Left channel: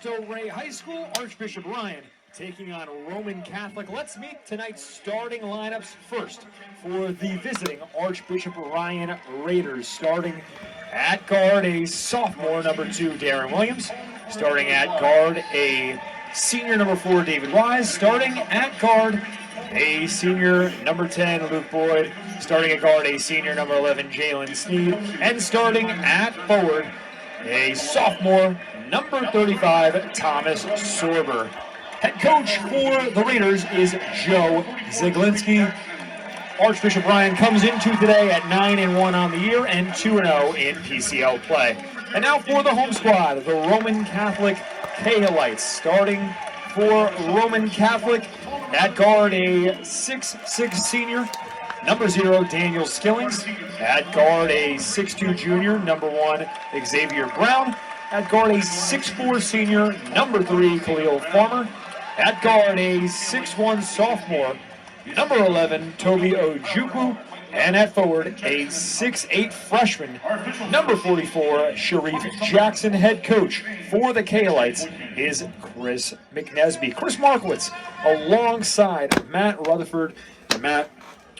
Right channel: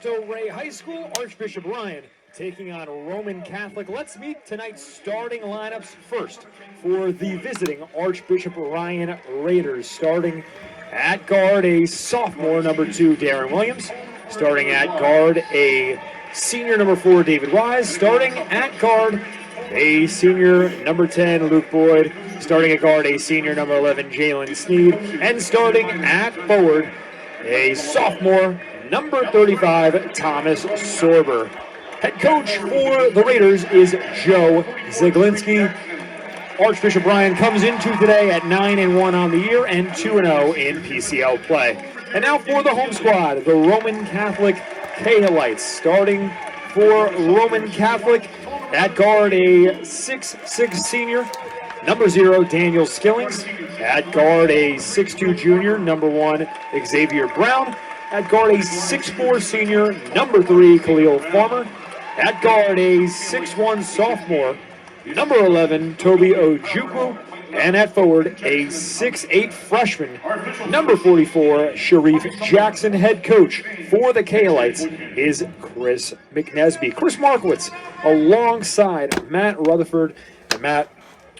Cristo Rey High School, Archbishop Ryan taking on Roman Catholic. Let's meet tonight's starting lineups first for the visiting Archbishop Ryan Raiders. Starting at guard, a sophomore, number 2, Darren Williams. Starting at guard, a senior, number 4, David Wise. Starting at guard, a senior, number 10, Luke Boyd. Starting at guard, a senior, number 11, Jalen Sneed. And starting at forward, a sophomore, number 35, Thomas Sorber. Head coach for the Raiders is Joe Zaglinski. Archbishop Ryan comes into today at 9-1 on the year and 2-0 in PCL play. And now for the home squad, the Roman Catholic Cahalites. Starting for Roman Catholic, at guard, a 6'6 senior, number 0, Daniel Skillings. At guard, a 6'2 junior, number 1, Xavier Brown. At guard, a 6'4 senior, number 3, Khalil Farmer. At guard, a 6'1 sophomore, number 11, Toby Ojukwu. And at forward, a 6'8 freshman, number 44, Sharif Jackson. Head coach for the Cahalites is Chris McNesby. Chris Markowitz alongside Matt Rutherford. And Matt,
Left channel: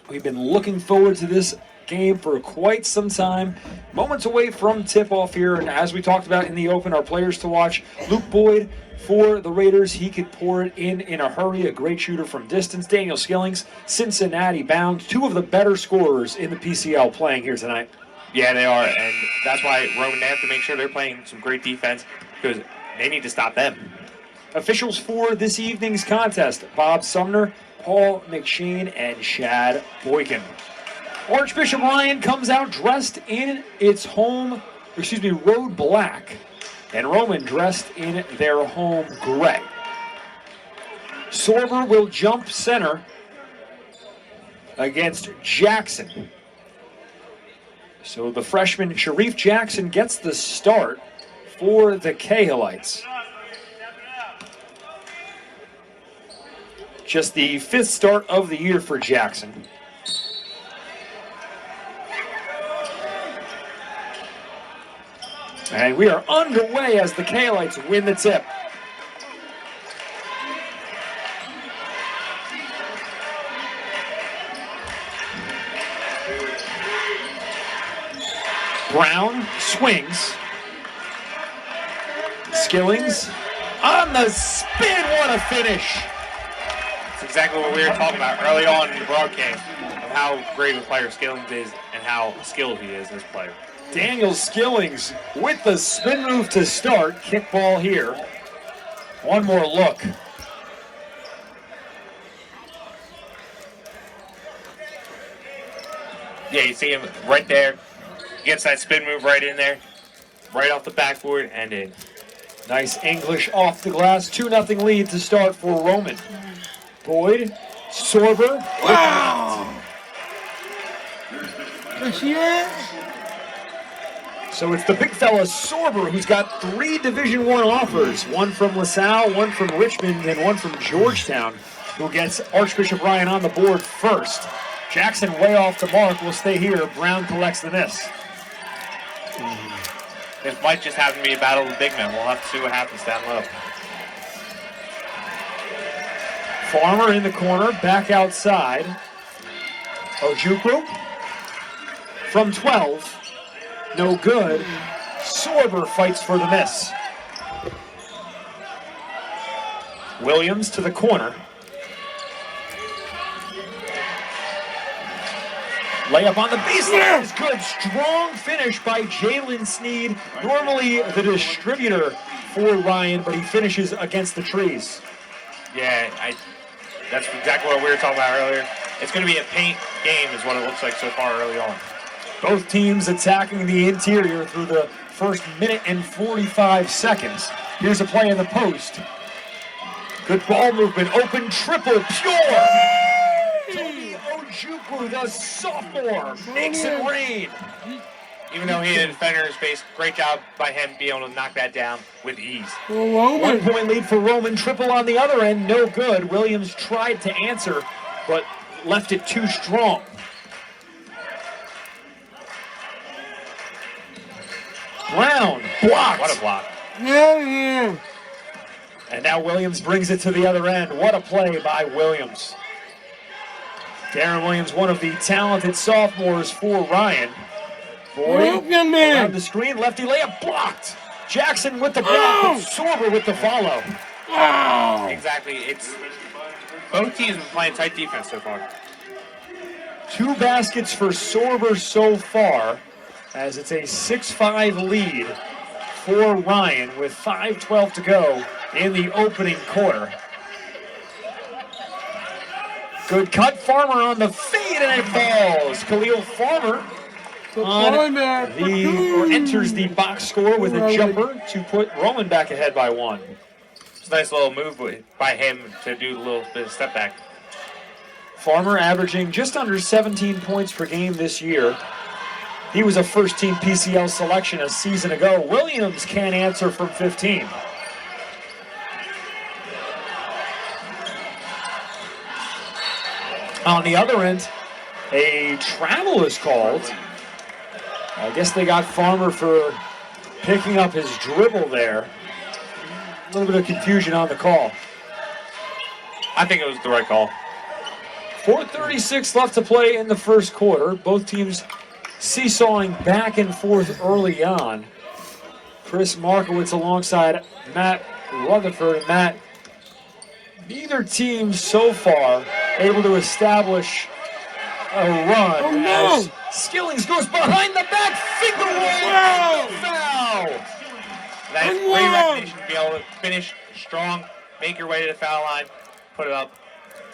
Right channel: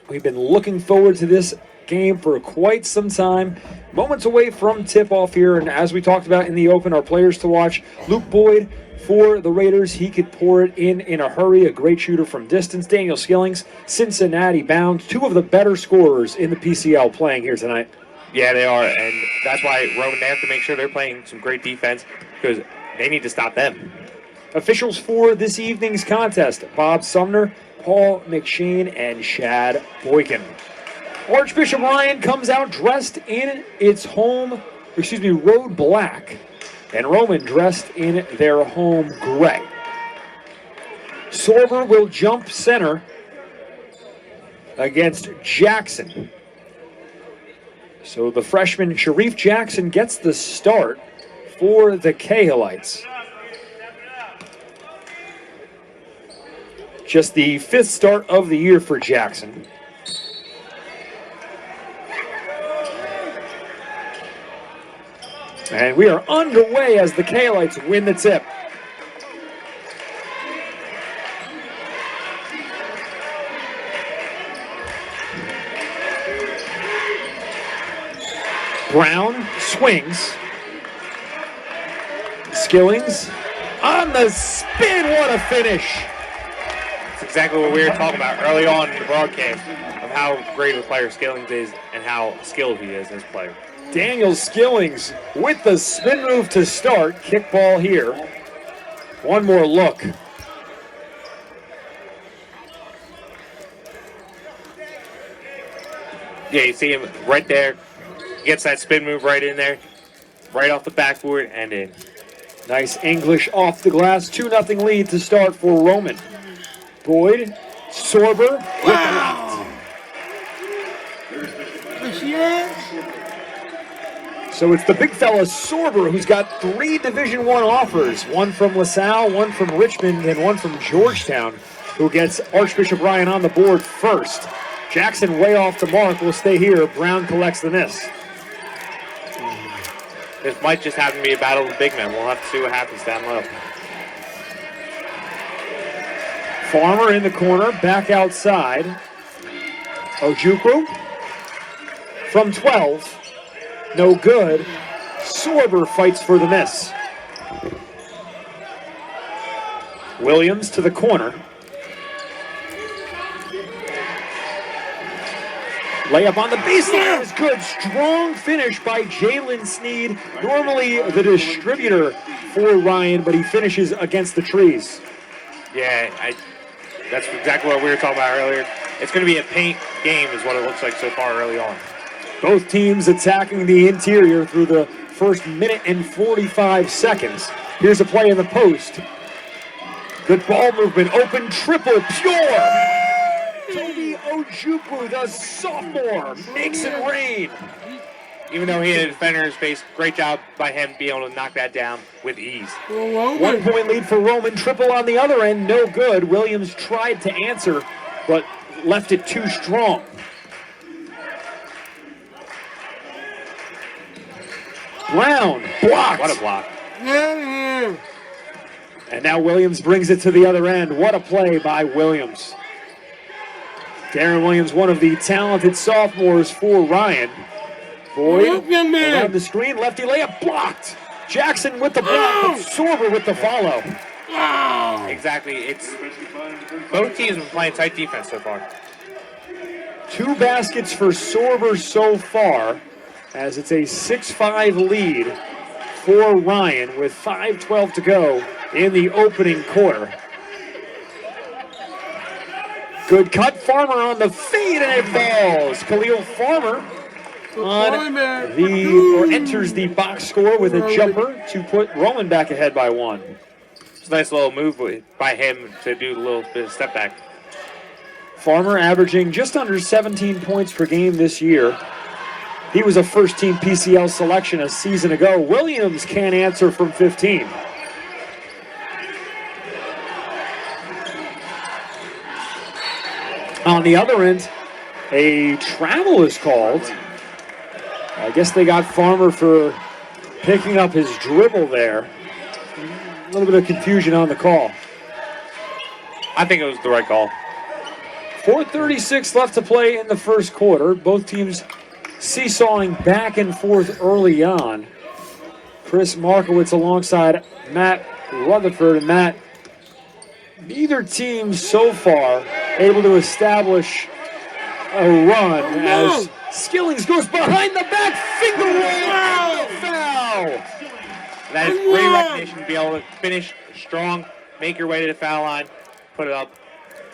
we've been looking forward to this game for quite some time. Moments away from tip-off here, and as we talked about in the open, our players to watch, Luke Boyd for the Raiders. He could pour it in a hurry, a great shooter from distance. Daniel Skillings, Cincinnati bound, 2 of the better scorers in the PCL playing here tonight. Yeah, they are, and that's why Roman, they have to make sure they're playing some great defense because they need to stop them. Officials for this evening's contest, Bob Sumner, Paul McShane, and Chad Boykin. Archbishop Ryan comes out dressed in its road black, and Roman dressed in their home gray. Sorber will jump center against Jackson. So the freshman Sharif Jackson gets the start for the Cahalites. Just the 5th start of the year for Jackson. And we are underway as the Cahalites win the tip. Brown swings. Skillings on the spin. What a finish. That's exactly what we were talking about early on in the broadcast of how great a player Skillings is and how skilled he is as a player. Daniel Skillings with the spin move to start. Kick ball here. One more look. Yeah, you see him right there. He gets that spin move right in there. Right off the backboard and in. Nice English off the glass. 2-0 lead to start for Roman. Boyd, Sorber. Wow! So it's the big fella Sorber who's got 3 Division I offers, one from LaSalle, one from Richmond, and one from Georgetown, who gets Archbishop Ryan on the board first. Jackson way off the mark, will stay here. Brown collects the miss. This might just happen to be a battle of the big men. We'll have to see what happens down low. Farmer in the corner, back outside. Ojukwu from 12. No good. Sorber fights for the miss. Williams to the corner. Layup on the baseline is good. Strong finish by Jalen Sneed. Normally the distributor for Ryan, but he finishes against the trees. Yeah, that's exactly what we were talking about earlier. It's going to be a paint game is what it looks like so far early on. Both teams attacking the interior through the first minute and 45 seconds. Here's a play in the post. Good ball movement. Open triple. Pure. Toby Ojukwu, the sophomore, makes it rain. Even though he had a defender in his face, great job by him being able to knock that down with ease. 1 point lead for Roman. Triple on the other end. No good. Williams tried to answer, but left it too strong. Brown blocked. What a block. Hell yeah. And now Williams brings it to the other end. What a play by Williams. Darren Williams, one of the talented sophomores for Ryan. Boyd around the screen, lefty layup blocked. Jackson with the block, but Sorber with the follow. Exactly. It's both teams have been playing tight defense so far. 2 baskets for Sorber so far, as it's a 6-5 lead for Ryan with 5:12 to go in the opening quarter. Good cut, Farmer on the feed, and it falls. Khalil Farmer enters the box score with a jumper to put Roman back ahead by 1. It's a nice little move by him to do a little bit of step back. Farmer averaging just under 17 points per game this year. He was a first-team PCL selection a season ago. Williams can't answer from 15. On the other end, a travel is called. I guess they got Farmer for picking up his dribble there. A little bit of confusion on the call. I think it was the right call. 4:36 left to play in the first quarter. Both teams seesawing back and forth early on. Chris Markowitz alongside Matt Rutherford. And Matt, neither team so far able to establish a run as Skillings goes behind the back, finger roll, foul. That is great recognition to be able to finish strong, make your way to the foul line, put it up,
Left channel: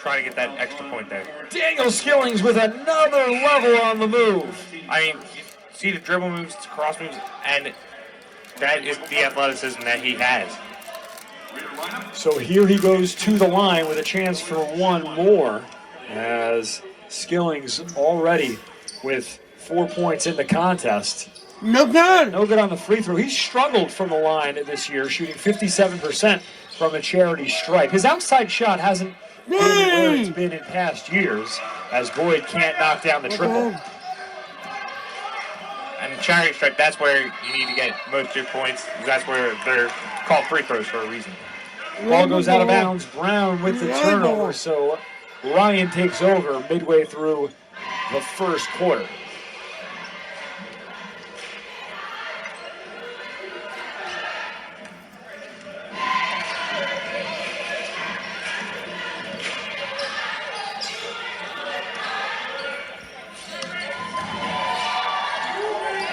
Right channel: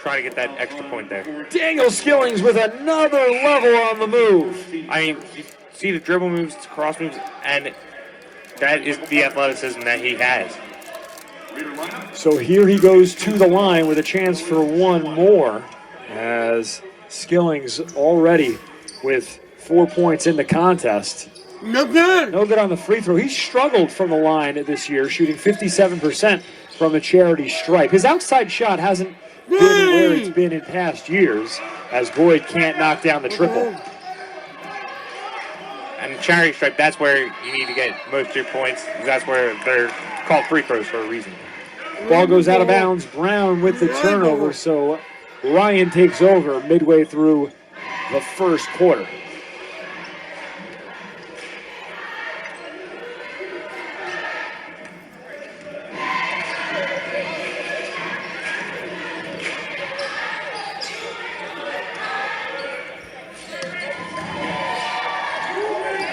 try to get that extra point there. Daniel Skillings with another level on the move. I mean, you see the dribble moves, cross moves, and that is the athleticism that he has. So here he goes to the line with a chance for one more, as Skillings already with 4 points in the contest. No good. No good on the free throw. He struggled from the line this year, shooting 57% from the charity stripe. His outside shot hasn't been where it's been in past years, as Boyd can't knock down the triple. And the charity stripe, that's where you need to get most of your points. That's where they're called free throws for a reason. Ball goes out of bounds. Brown with the turnover, so Ryan takes over midway through the first quarter.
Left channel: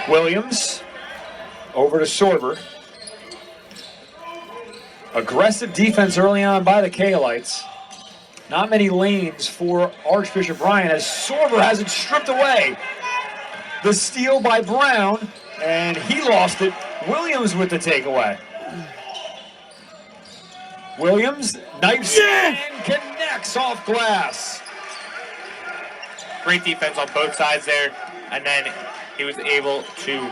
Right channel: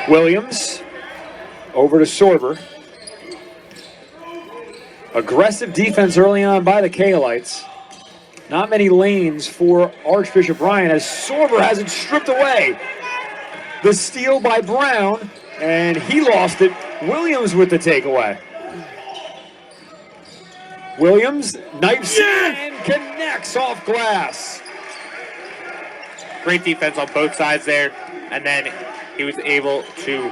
Williams over to Sorber. Aggressive defense early on by the Kaolites. Not many lanes for Archbishop Ryan as Sorber has it stripped away. The steal by Brown, and he lost it. Williams with the takeaway. Williams knifes and connects off glass. Great defense on both sides there, and then he was able to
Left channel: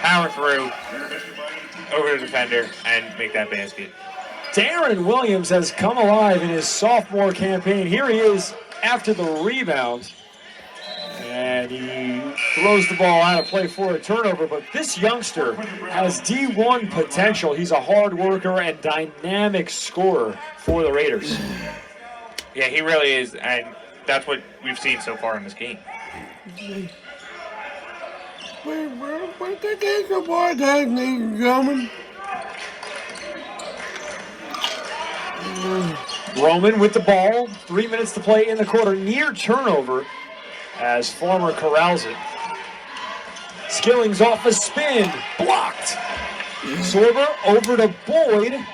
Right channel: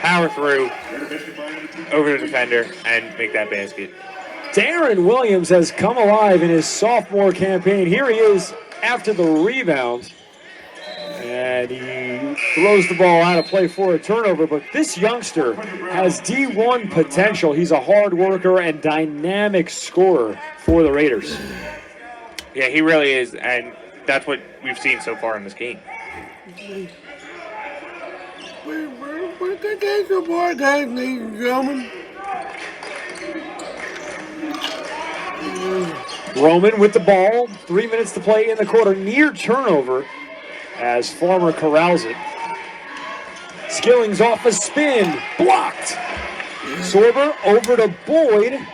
power through over the defender and make that basket. Darren Williams has come alive in his sophomore campaign. Here he is after the rebound. And he throws the ball out of play for a turnover. But this youngster has D1 potential. He's a hard worker and dynamic scorer for the Raiders. Yeah, he really is, and that's what we've seen so far in this game. We're good days for more days, ladies and gentlemen. Roman with the ball. 3 minutes to play in the quarter. Near turnover as Farmer corrals it. Skillings off a spin. Blocked. Sorber over to Boyd.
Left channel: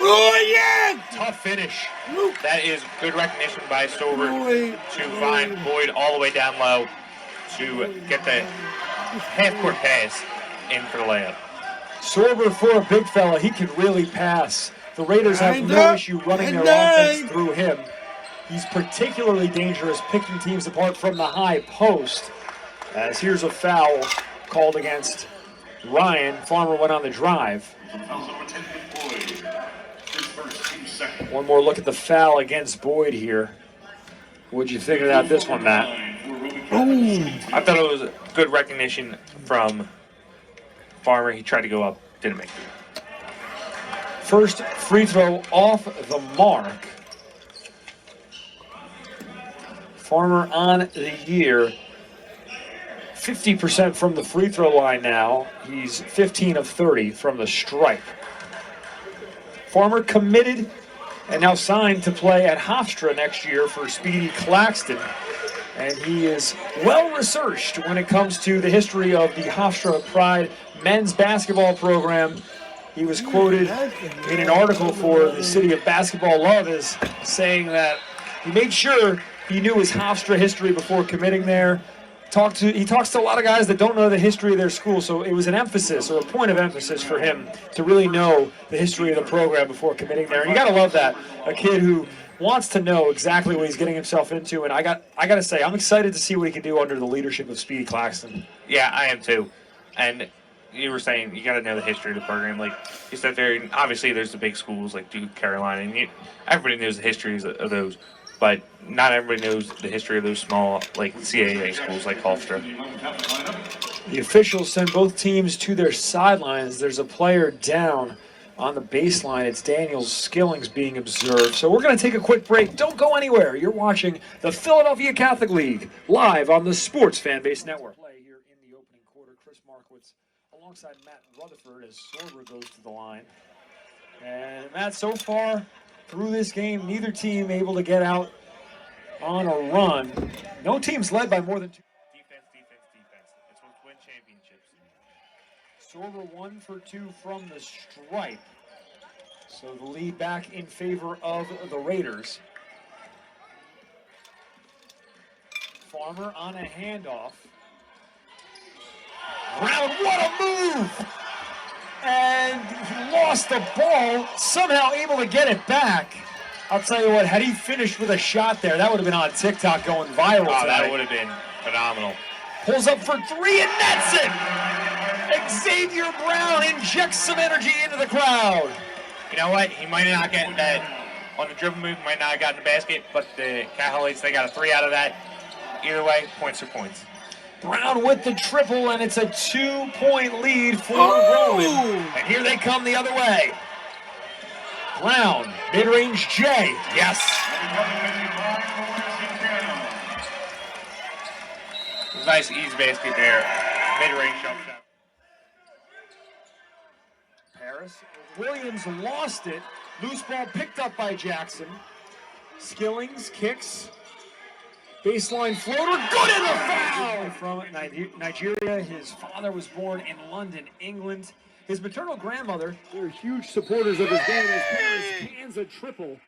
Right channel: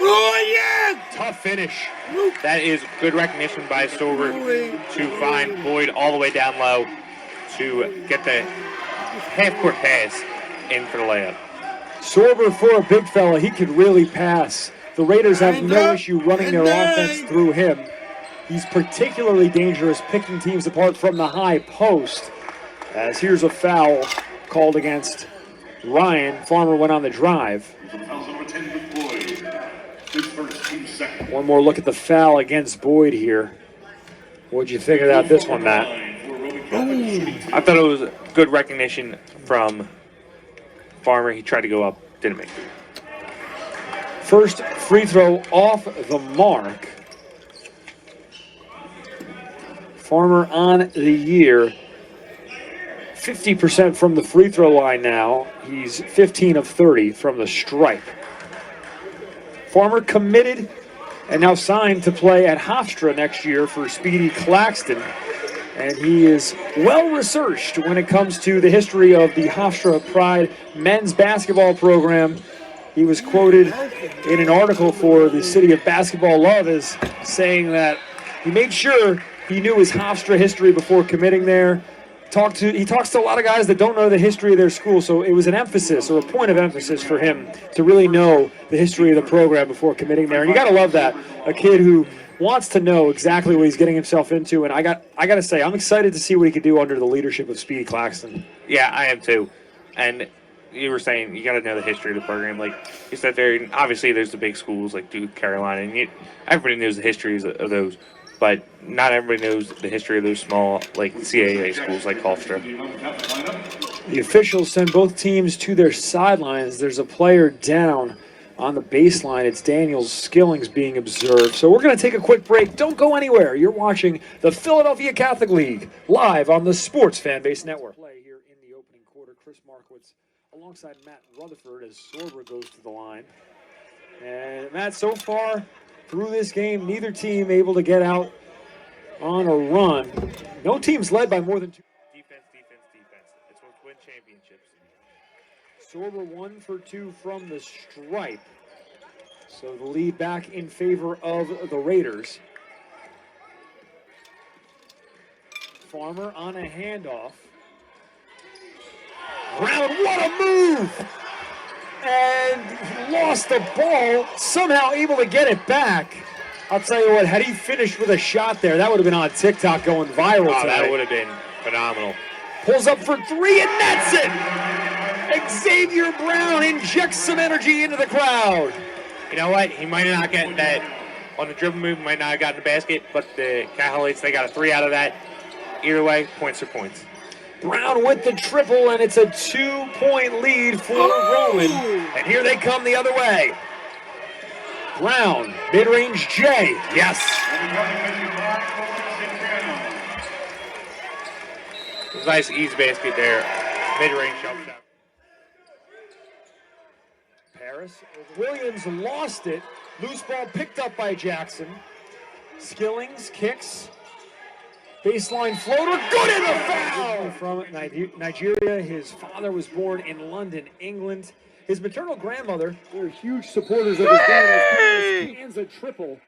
Oh, yeah! Tough finish. That is good recognition by Sorber to find Boyd all the way down low to get the half-court pass in for the layup. Sorber, for a big fella, he could really pass. The Raiders have no issue running their offense through him. He's particularly dangerous picking teams apart from the high post. As here's a foul called against Ryan. Farmer went on the drive. One more look at the foul against Boyd here. What'd you think about this one, Matt? I thought it was good recognition from Farmer. He tried to go up, didn't make it. First free throw off the mark. Farmer on the year. 50% from the free throw line now. He's 15 of 30 from the stripe. Farmer committed and now signed to play at Hofstra next year for Speedy Claxton. And he is well researched when it comes to the history of the Hofstra Pride men's basketball program. He was quoted in an article for the City of Basketball Love as saying that he made sure he knew his Hofstra history before committing there. He talks to a lot of guys that don't know the history of their school, so it was an emphasis or a point of emphasis for him to really know the history of the program before committing there. And you got to love that, a kid who wants to know exactly what he's getting himself into. And I got to say, I'm excited to see what he can do under the leadership of Speedy Claxton. Yeah, I am too. And you were saying you got to know the history of the program. Like you said, obviously there's the big schools like Duke, Carolina, and everybody knows the histories of those. But not everybody knows the history of those small, like CAA schools like Hofstra. The officials send both teams to their sidelines. There's a player down on the baseline. It's Daniel Skillings being observed. So we're going to take a quick break. Don't go anywhere. You're watching the Philadelphia Catholic League live on the Sports Fanbase Network. Play here in the opening quarter. Chris Markowitz alongside Matt Rutherford as Sorber goes to the line. And Matt, so far through this game, neither team able to get out on a run. No team's led by more than two. Defense. It's what win championships. Sorber 1 for 2 from the stripe. So the lead back in favor of the Raiders. Farmer on a handoff. Brown, what a move! And he lost the ball, somehow able to get it back. I'll tell you what, had he finished with a shot there, that would have been on TikTok going viral tonight. That would have been phenomenal. Pulls up for 3 and nets it! Xavier Brown injects some energy into the crowd. You know what? He might not get that on the dribble move, might not have gotten the basket, but the Catholics, they got a 3 out of that. Either way, points are points. Brown with the triple, and it's a 2-point lead for Roman. And here they come the other way. Brown, mid-range J. Yes. It was a nice easy basket there. Mid-range jump shot. Paris. Williams lost it. Loose ball picked up by Jackson. Skillings kicks. Baseline floater, good in the foul! From Nigeria, his father was born in London, England. His maternal grandmother, they're huge supporters of his dad as he lands a triple.